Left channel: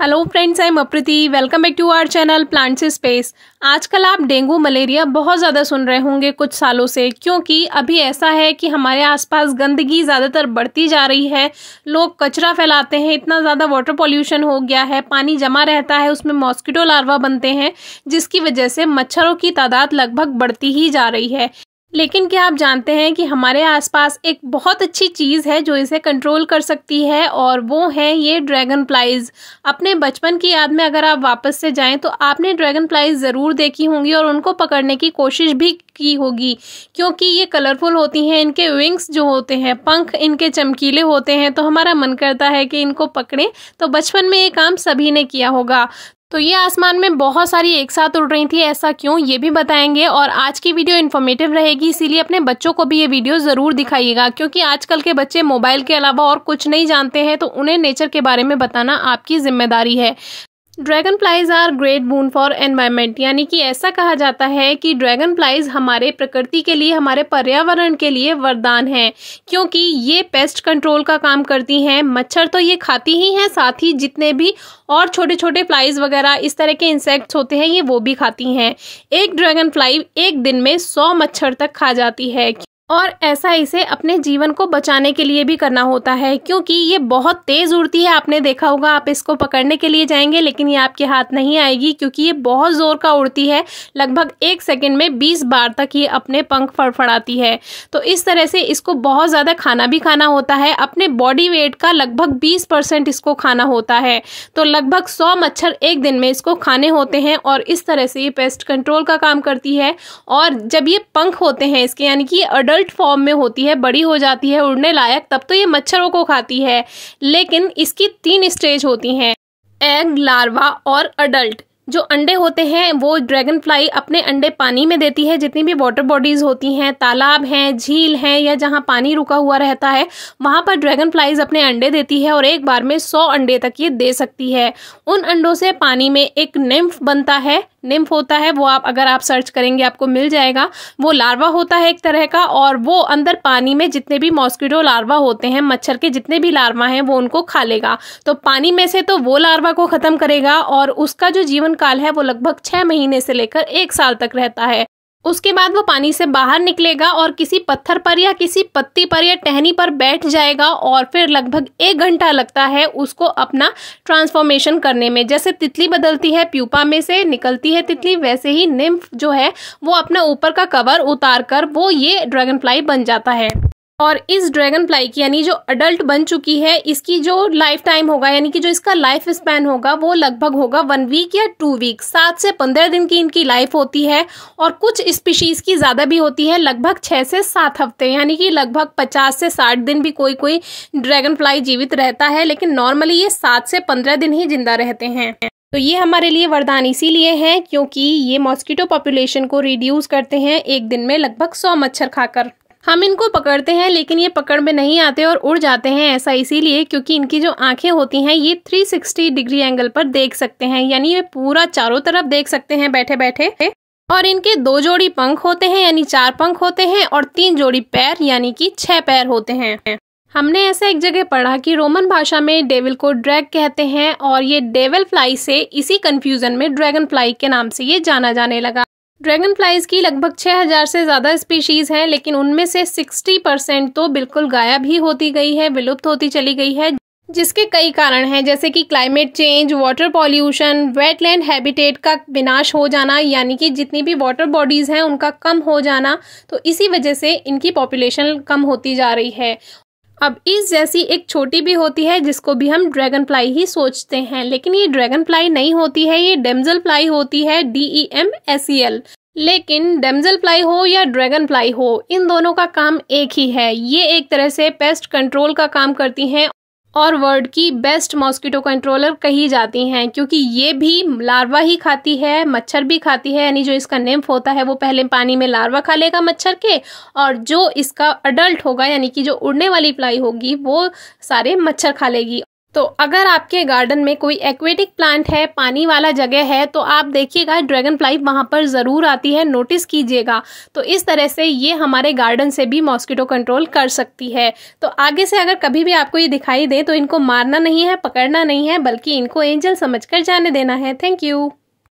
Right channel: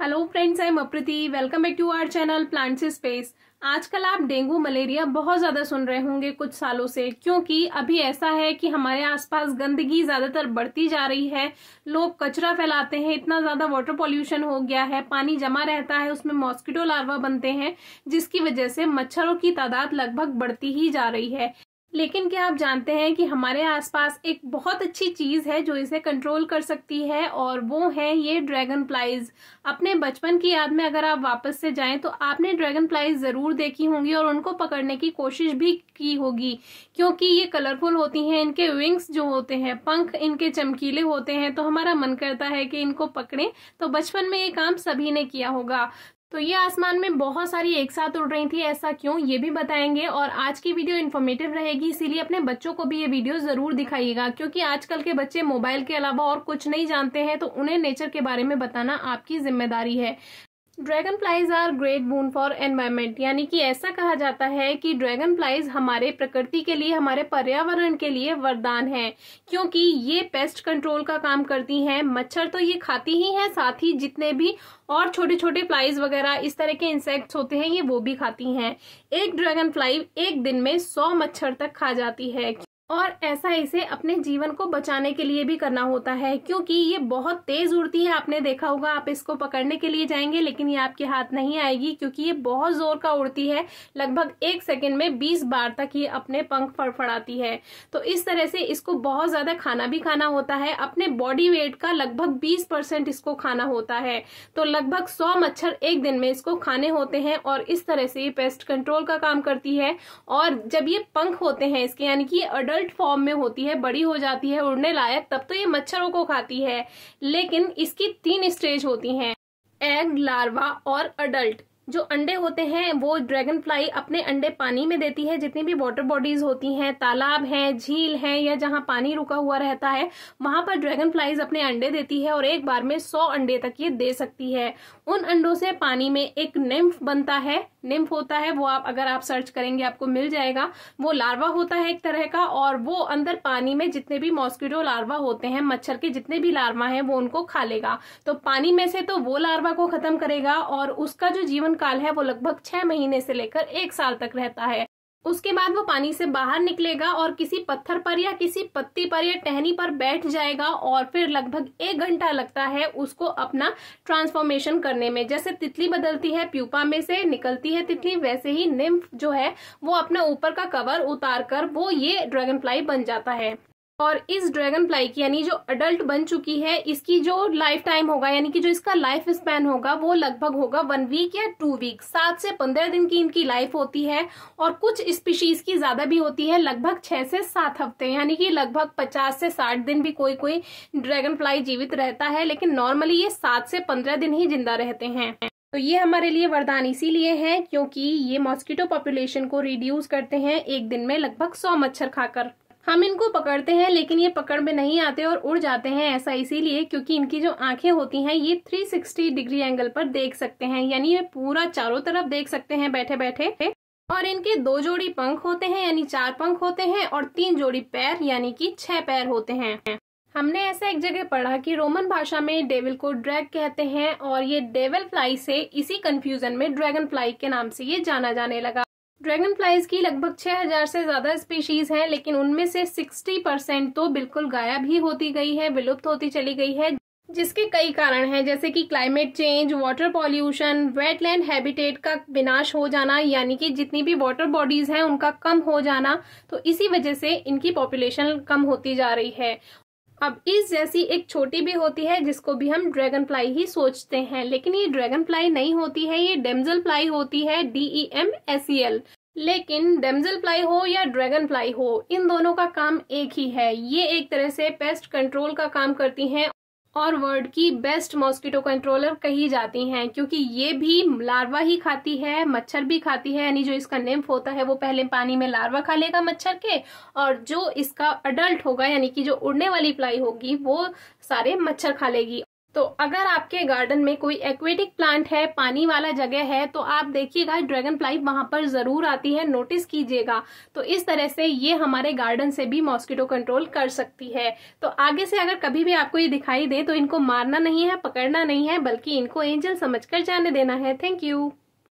Hello friends, I am Aprati. Welcome back to our channel plants space. आजकल आप dengue malaria बहुत ज़्यादा सुन रहे होंगे कुछ सालों से, क्योंकि अभी ऐसा है कि हमारे आसपास गंदगी ज़्यादातर बढ़ती जा रही है। लोग कचरा फैलाते हैं, इतना ज़्यादा वाटर पॉल्यूशन हो गया है, पानी जमा रहता है, उसमें मॉस्किटो लार्वा बनते हैं, जिसकी वजह से मच्छरों की तादाद लगभग बढ़ती ही जा रही है। लेकिन क्या आप जानते हैं कि हमारे आसपास एक बहुत अच्छी चीज़ है जो इसे कंट्रोल कर सकती है, और वो है ये ड्रैगन फ्लाइज। अपने बचपन की याद में अगर आप वापस से जाएं तो आपने ड्रैगन फ्लाइज ज़रूर देखी होंगी और उनको पकड़ने की कोशिश भी की होगी, क्योंकि ये कलरफुल होती हैं। इनके विंग्स जो होते हैं, पंख इनके चमकीले होते हैं, तो हमारा मन करता है कि इनको पकड़ें। तो बचपन में ये काम सभी ने किया होगा। तो ये आसमान में बहुत सारी एक साथ उड़ रही थी, ऐसा क्यों, ये भी बताएंगे। और आज की वीडियो इन्फॉर्मेटिव रहेगी, इसीलिए अपने बच्चों को भी ये वीडियो ज़रूर दिखाइएगा, क्योंकि आजकल के बच्चे मोबाइल के अलावा और कुछ नहीं जानते हैं, तो उन्हें नेचर के बारे में बताना आपकी जिम्मेदारी है। Dragonflies are great boon for environment, यानी कि ऐसा कहा जाता है कि ड्रैगन फ्लाइज हमारे प्रकृति के लिए, हमारे पर्यावरण के लिए वरदान है, क्योंकि ये पेस्ट कंट्रोल का काम करती हैं। मच्छर तो ये खाती ही हैं, साथ ही जितने भी और छोटे छोटे फ्लाइज वगैरह इस तरह के इंसेक्ट्स होते हैं, ये वो भी खाती हैं। एक ड्रैगन फ्लाई एक दिन में 100 मच्छर तक खा जाती है, और ऐसा इसे अपने जीवन को बचाने के लिए भी करना होता है, क्योंकि ये बहुत तेज़ उड़ती है। आपने देखा होगा, आप इसको पकड़ने के लिए जाएंगे लेकिन ये आपके हाथ नहीं आएगी, क्योंकि ये बहुत ज़ोर का उड़ती है। लगभग 1 सेकंड में 20 बार तक ये अपने पंख फड़फड़ाती है। तो इस तरह से इसको बहुत ज़्यादा खाना भी खाना होता है। अपने बॉडी वेट का लगभग 20% इसको खाना होता है। तो लगभग 100 मच्छर एक दिन में इसको खाने होते हैं, और इस तरह से ये पेस्ट कंट्रोल का काम करती है। और जब ये पंख होते हैं इसके, यानी कि अडल्ट फॉर्म में होती है, बड़ी हो जाती है उड़ने लायक, तब तो ये मच्छरों को खाती है। लेकिन इसकी 3 स्टेज होती हैं: एग, लार्वा और अडल्ट। जो अंडे होते हैं वो ड्रैगन फ्लाई अपने अंडे पानी में देती है। जितनी भी वाटर बॉडीज होती हैं, तालाब हैं, झील हैं, या जहाँ पानी रुका हुआ रहता है, वहाँ पर ड्रैगन फ्लाइज अपने अंडे देती है, और एक बार में 100 अंडे तक ये दे सकती है। उन अंडों से पानी में एक निम्फ बनता है। निम्फ होता है वो, आप अगर आप सर्च करेंगे आपको मिल जाएगा। वो लार्वा होता है एक तरह का, और वो अंदर पानी में जितने भी मॉस्किटो लार्वा होते हैं, मच्छर के जितने भी लार्वा हैं, वो उनको खा लेगा। तो पानी में से तो वो लार्वा को खत्म करेगा, और उसका जो जीवन काल है वो लगभग 6 महीने से लेकर 1 साल तक रहता है। उसके बाद वो पानी से बाहर निकलेगा और किसी पत्थर पर या किसी पत्ती पर या टहनी पर बैठ जाएगा, और फिर लगभग 1 घंटा लगता है उसको अपना ट्रांसफॉर्मेशन करने में। जैसे तितली बदलती है, प्यूपा में से निकलती है तितली, वैसे ही निम्फ जो है वो अपना ऊपर का कवर उतार कर वो ये ड्रैगन फ्लाई बन जाता है। और इस ड्रैगन फ्लाई की, यानी जो अडल्ट बन चुकी है, इसकी जो लाइफ टाइम होगा, यानी कि जो इसका लाइफ स्पैन होगा, वो लगभग होगा 1 वीक या 2 वीक। 7 से 15 दिन की इनकी लाइफ होती है, और कुछ स्पीशीज की ज़्यादा भी होती है, लगभग 6 से 7 हफ्ते, यानी कि लगभग 50 से 60 दिन भी कोई कोई ड्रैगन फ्लाई जीवित रहता है। लेकिन नॉर्मली ये 7 से 15 दिन ही जिंदा रहते हैं। तो ये हमारे लिए वरदान इसीलिए है क्योंकि ये मॉस्किटो पॉपुलेशन को रिड्यूस करते हैं एक दिन में लगभग 100 मच्छर खाकर। हम इनको पकड़ते हैं लेकिन ये पकड़ में नहीं आते और उड़ जाते हैं। ऐसा इसीलिए क्योंकि इनकी जो आंखें होती हैं ये 360 डिग्री एंगल पर देख सकते हैं, यानी ये पूरा चारों तरफ देख सकते हैं बैठे बैठे। और इनके 2 जोड़ी पंख होते हैं, यानी 4 पंख होते हैं, और 3 जोड़ी पैर, यानी कि 6 पैर होते हैं। हमने ऐसा एक जगह पढ़ा कि रोमन भाषा में डेविल को ड्रैग कहते हैं, और ये डेविल फ्लाई से इसी कंफ्यूजन में ड्रैगन फ्लाई के नाम से ये जाना जाने लगा। ड्रैगन फ्लाइज की लगभग 6000 से ज़्यादा स्पीशीज़ हैं, लेकिन उनमें से 60% तो बिल्कुल गायब ही होती गई है, विलुप्त होती चली गई है, जिसके कई कारण हैं, जैसे कि climate change, water pollution, wetland habitat का विनाश हो जाना, यानी कि जितनी भी वाटर बॉडीज़ हैं उनका कम हो जाना। तो इसी वजह से इनकी पॉपुलेशन कम होती जा रही है। अब इस जैसी एक छोटी भी होती है जिसको भी हम ड्रैगन फ्लाई ही सोचते हैं, लेकिन ये ड्रैगन फ्लाई नहीं होती है, ये डेमजल फ्लाई होती है, DEMSEL। लेकिन डेमजल फ्लाई हो या ड्रैगन फ्लाई हो, इन दोनों का काम एक ही है। ये एक तरह से पेस्ट कंट्रोल का काम करती हैं, और वर्ल्ड की बेस्ट मॉस्किटो कंट्रोलर कही जाती हैं, क्योंकि ये भी लार्वा ही खाती है, मच्छर भी खाती है। यानी जो इसका निम्फ होता है वो पहले पानी में लार्वा खा लेगा मच्छर के, और जो इसका अडल्ट होगा, यानी कि जो उड़ने वाली फ्लाई होगी, वो सारे मच्छर खा लेगी। तो अगर आपके गार्डन में कोई एक्वेटिक प्लांट है, पानी वाला जगह है, तो आप देखिएगा ड्रैगन फ्लाई वहाँ पर ज़रूर आती है, नोटिस कीजिएगा। तो इस तरह से ये हमारे गार्डन से भी मॉस्किटो कंट्रोल कर सकती है। तो आगे से अगर कभी भी आपको ये दिखाई दे तो इनको मारना नहीं है, पकड़ना नहीं है, बल्कि इनको एंजल समझकर जाने देना है। Thank you.